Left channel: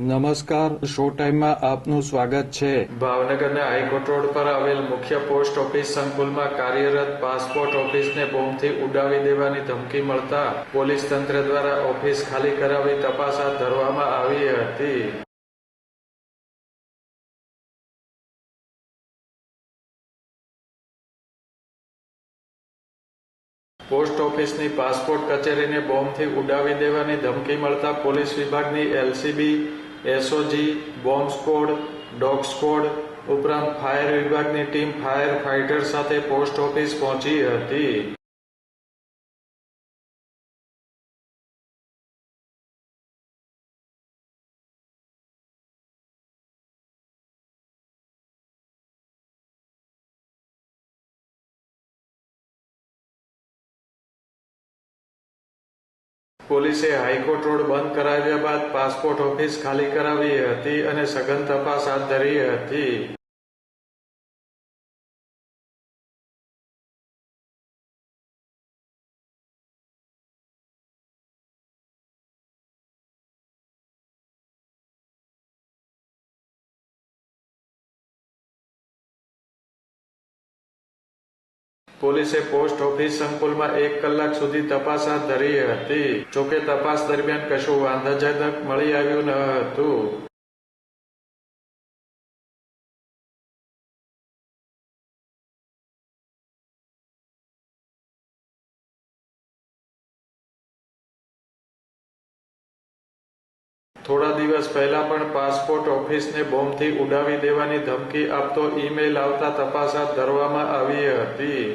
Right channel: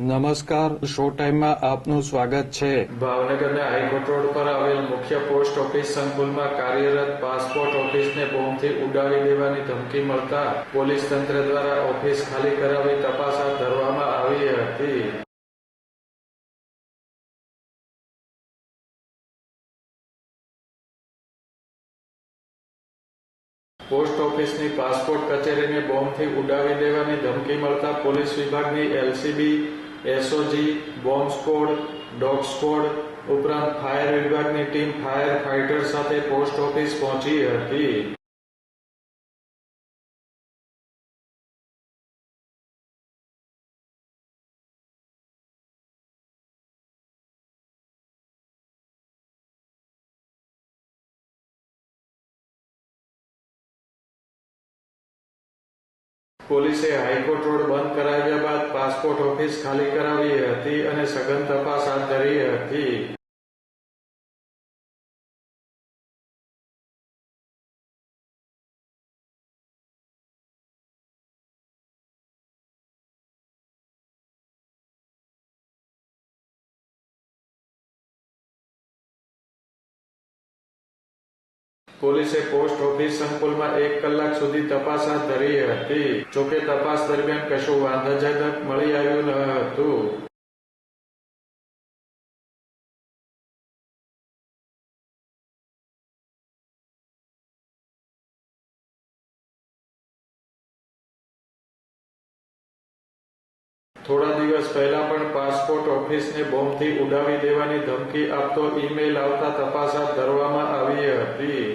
નમસ્કાર, શો ટાઈમમાં આપનું સ્વાગત છે। ભાવનગરના હાઈકોર્ટ રોડ પર આવેલ મુખ્ય પોસ્ટ ઓફિસ સંકુલમાં કાર્યરત પાસપોર્ટ ઓફિસને બોમ્બથી ઉડાવી દેવાની ધમકી મળતા પોલીસ તંત્ર દ્વારા ઓફિસ ખાલી કરાવી તપાસ હાથ ધરવામાં આવી હતી। પોસ્ટ ઓફિસની પાસપોર્ટ કચેરીને બોમ્બથી ઉડાવી દેવાની ધમકી મળતા પોલીસ વિભાગની LCB, SOG, bomb squad, dog squad ઉપરાંત ફાયર વિભાગની ટીમ ફાયર ફાઇટર સાથે પોસ્ટ ઓફિસ પહોંચી હતી। પોલીસે હાઈકોર્ટ રોડ બંધ કરાવ્યા બાદ પાસપોર્ટ ઓફિસ ખાલી કરાવી હતી અને સઘન તપાસ હાથ ધરી હતી। પોલીસે પોસ્ટ ઓફિસ સંકુલમાં 1 કલાક સુધી તપાસ હાથ ધરી હતી। જોકે તપાસ દરમિયાન કશું વાંધાજનક મળી આવ્યું ન હતું। થોડા દિવસ પહેલા પણ પાસપોર્ટ ઓફિસને બોમ્બથી ઉડાવી દેવાની ધમકી આપતો ઈમેલ આવતા તપાસ હાથ ધરવામાં આવી હતી।